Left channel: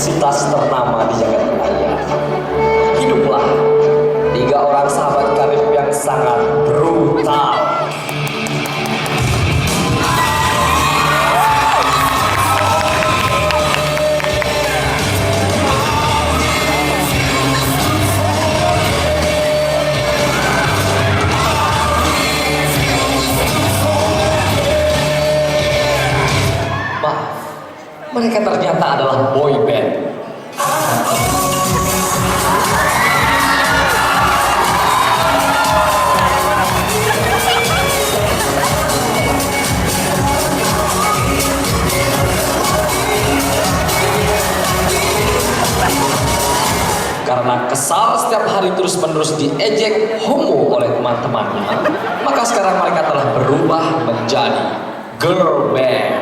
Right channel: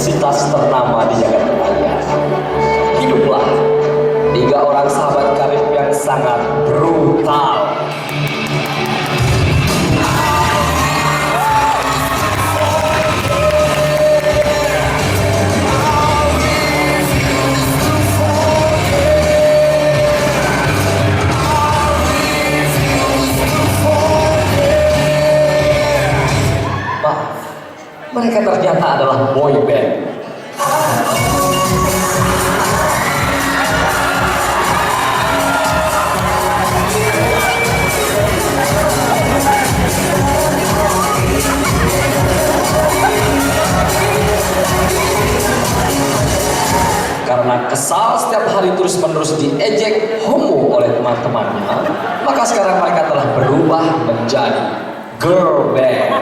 universitas ternama di jagat raya. Hiduplah 3 orang sahabat karib yang sangat brutal. Mereka ternyata adalah boy band. Karena kesal setiap hari terus-menerus diejek homo oleh teman-temannya, maka sekarang mereka telah berubah menjadi girl band.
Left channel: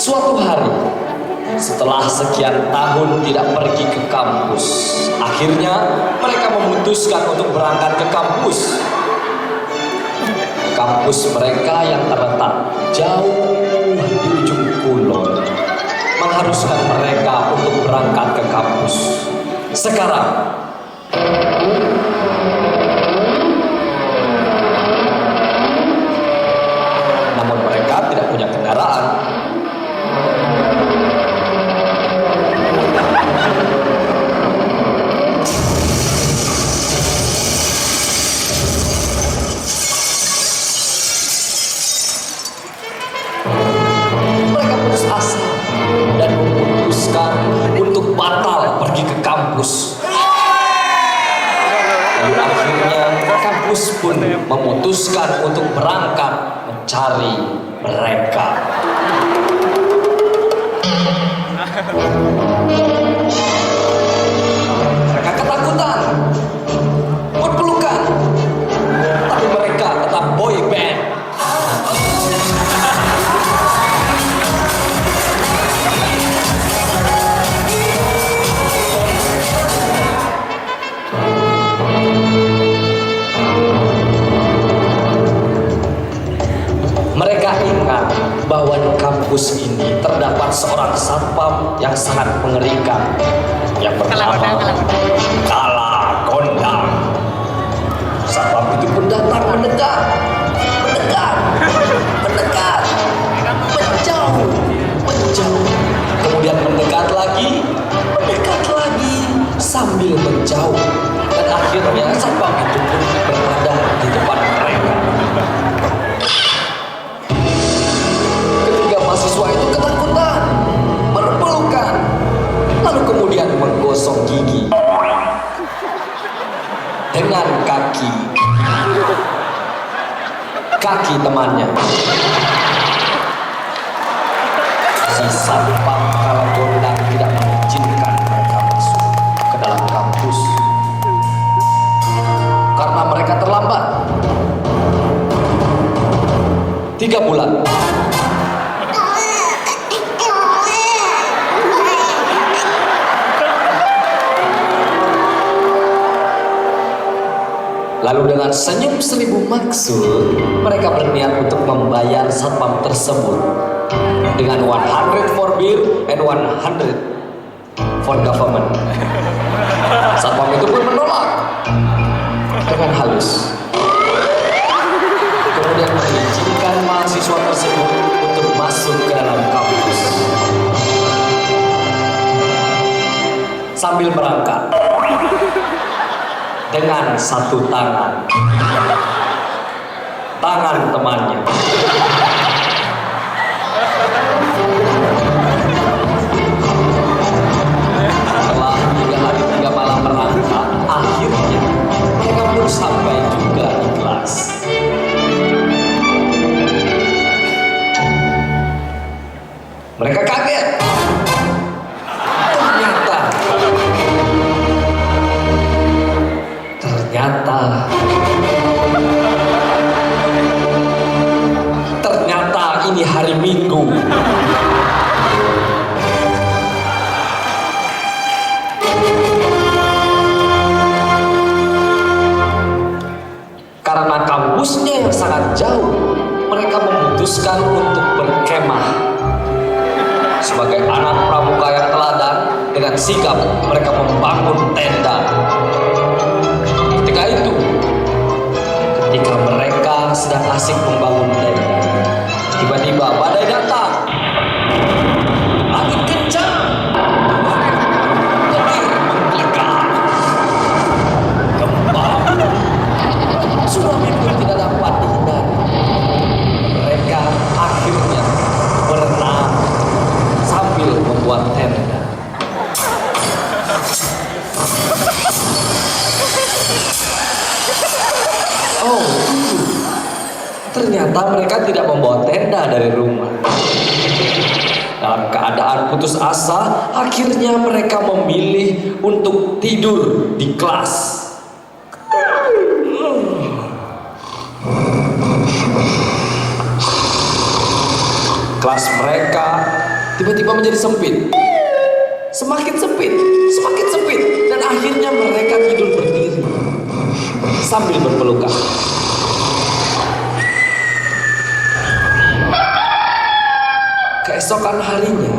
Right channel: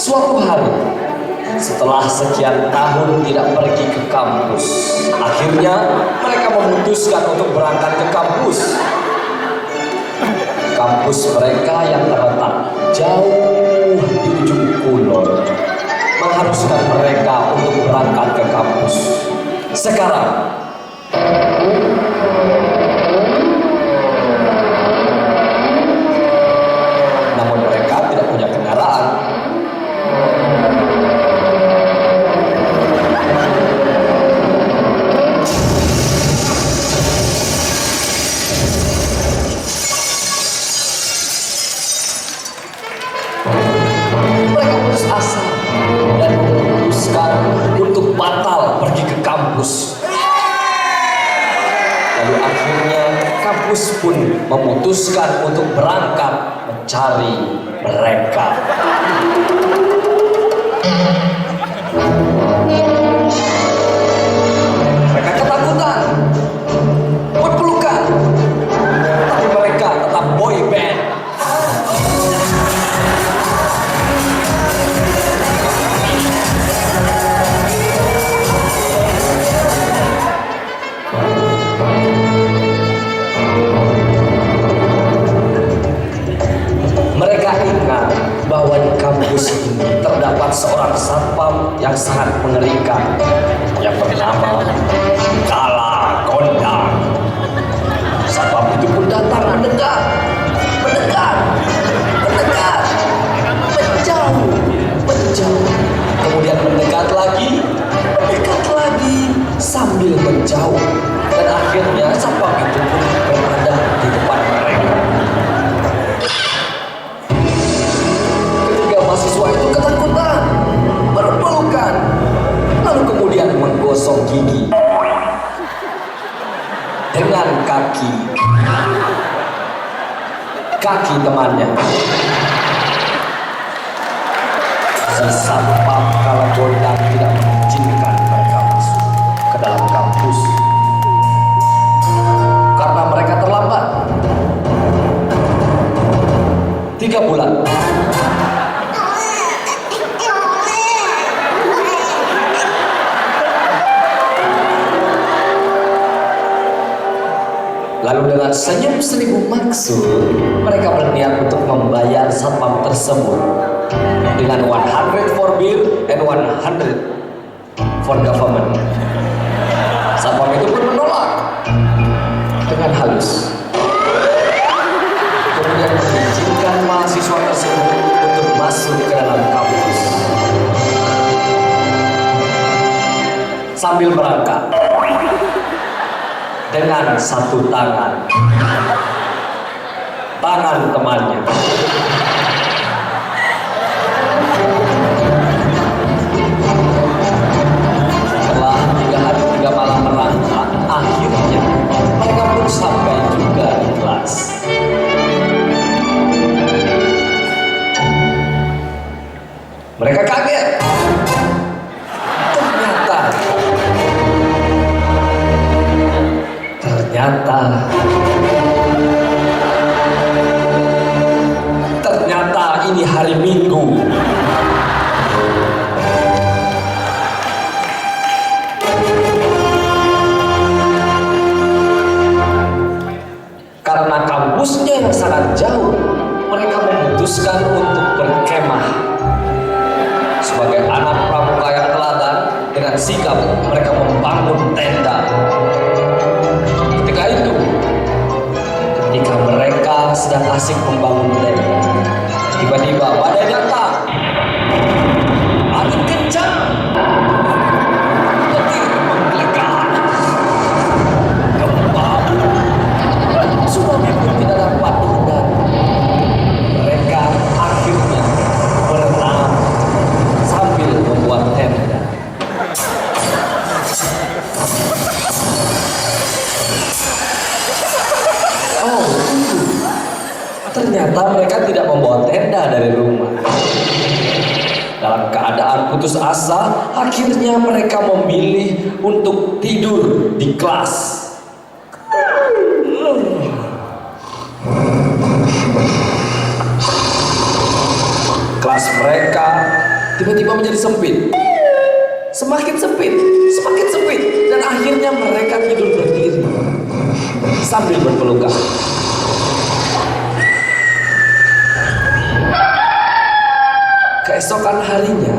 Suatu hari, setelah sekian tahun tidak pergi ke kampus, akhirnya mereka memutuskan untuk berangkat ke kampus. Kampus mereka yang terletak jauh di ujung kulon mengharuskan mereka untuk berangkat ke kampus. Sekarang, namun mereka tidak punya kendaraan. Dan memutuskan untuk batal pergi ke kampus. Lalu akhirnya kampus pun memutuskan untuk berangkat mencari mereka. Mereka ketakutan, berpelukan, tapi mereka tetap boy band. Mereka ingat bahwa di kampus ini terdapat seorang satpam yang sangat mengerikan. Yang bernama Kala Kondang. Satpam itu pun datang mendekat, menjauh, kemudian mendekat lagi, sambil menjauh. Dan akhirnya satpam itu pun berada di depan mereka. Mahasiswa itu ketakutan, berpelukan, lalu kemudian menggosok gigi dengan kaki temannya. Si satpam Kala Kondang tidak mengizinkan mereka masuk ke dalam kampus karena mereka terlambat 3 bulan. Lalu dengan senyum 1000 maksud, mereka berniat untuk membayar satpam tersebut dengan 100 for beer and 100 for government. Satpam itu pun menolak dengan halus. Kemudian mengizinkan mahasiswa tersebut untuk masuk ke dalam kampus. Sambil merangkak dengan satu tangan temannya. Setelah 3 hari 3 malam merangkak, akhirnya mereka pun sampai juga di kelas. Mereka kaget yang sangat jauh, mereka memutuskan untuk berkemah. Sebagai anak pramuka yang teladan, dengan sigap mereka membangun tenda. Ketika mereka sedang asik membangun tenda, tiba-tiba badai datang. Angin kencang, petir menggelegar, gempa. Tsunami pun tidak dapat dihindari. Mereka akhirnya berenang sambil membuat tenda. Oh, ternyata mereka tidak membawa tenda dari rumah. Dalam keadaan putus asa, akhirnya mereka memilih untuk tidur di kelas. Kelas mereka tiba-tiba menjadi sempit. Semakin sempit, dan akhirnya mereka tidur berdiri sambil berpelukan. Keesokan harinya,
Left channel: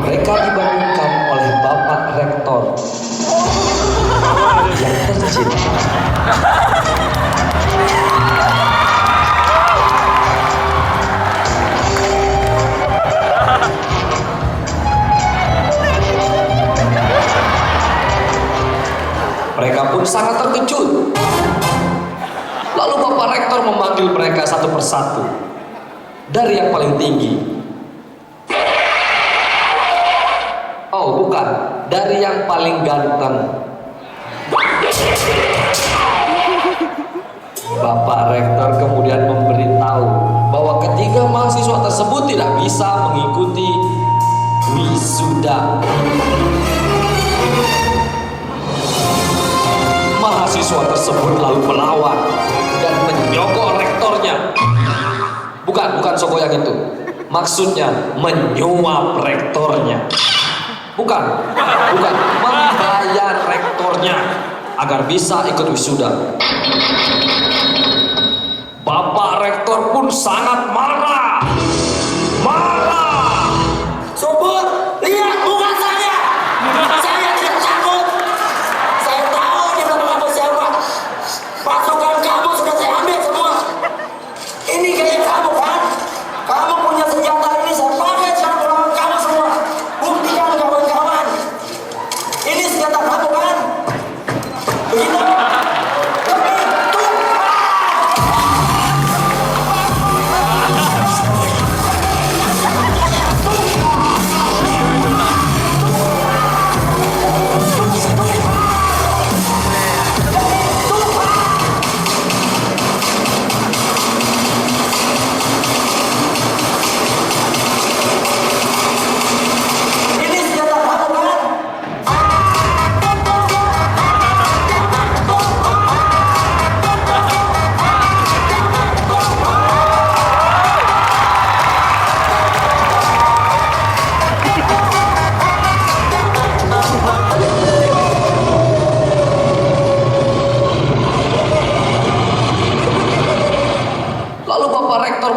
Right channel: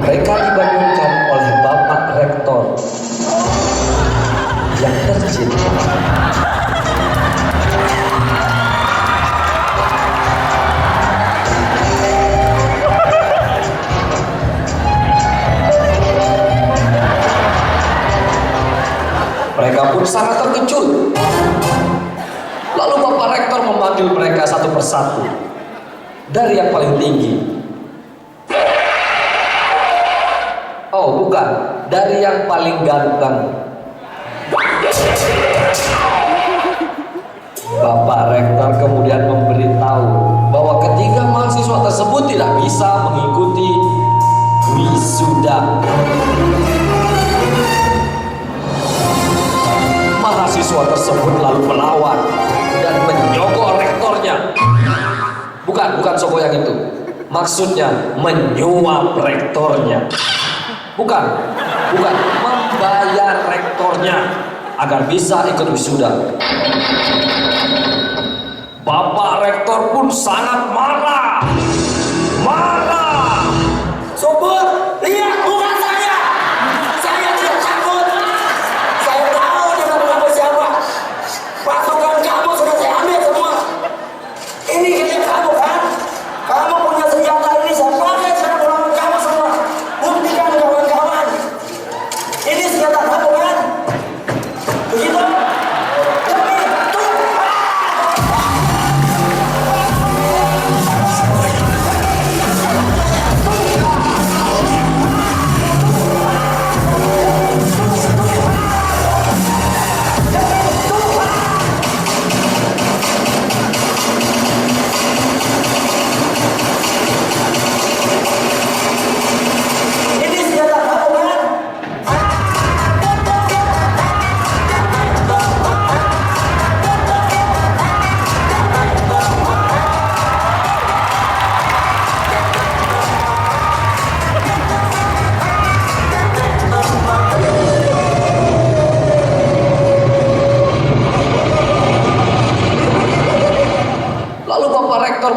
mereka dibangunkan oleh Bapak Rektor yang tercinta. Mereka pun sangat terkejut. Lalu Bapak Rektor memanggil mereka satu persatu. Dari yang paling tinggi. Oh, bukan. Dari yang paling ganteng. Bapak Rektor kemudian memberitahu bahwa ketiga mahasiswa tersebut tidak bisa mengikuti wisuda. Mahasiswa tersebut lalu melawan dan menyogok rektornya. Bukan sogok yang itu. Maksudnya menyuap rektornya. Bukan, membayar rektornya agar bisa ikut wisuda. Bapak Rektor pun sangat marah. Subur, lihat muka saya. Saya tidak takut. Saya tahu dia melakukan siapa. Pasukan kamu sudah saya ambil semua. Ini kayak kamu kan? Kamu punya senjata ini, saya pakai sekarang melawan kamu semua. Buktikan kawan-kawan. Ini senjata kamu kan? Begitu?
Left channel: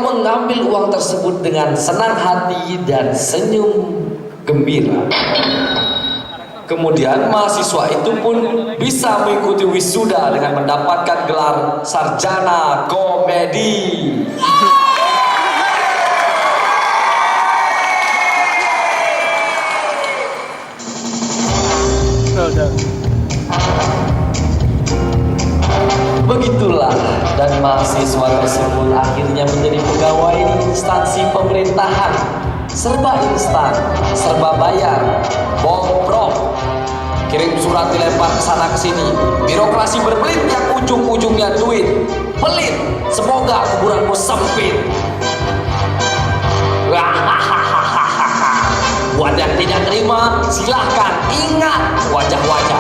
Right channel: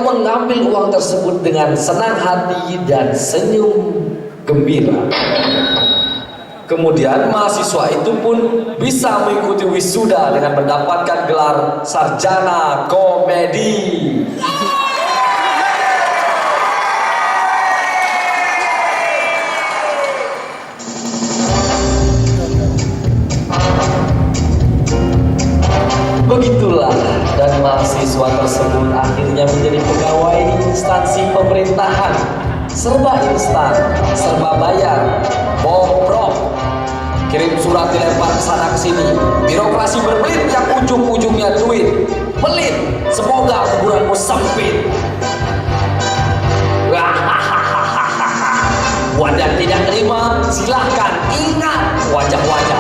mengambil uang tersebut dengan senang hati dan senyum gembira. Kemudian mahasiswa itu pun bisa mengikuti wisuda dengan mendapatkan gelar sarjana komedi. Begitulah, dan mahasiswa tersebut akhirnya menjadi pegawai di instansi pemerintahan. Serba instan, serba bayar, bobrok, kirim surat dilempar ke sana ke sini. Birokrasi berbelit yang ujung-ujungnya duit. Pelit, semoga kuburanmu sempit. Buat yang tidak terima, silahkan ingat wajah-wajah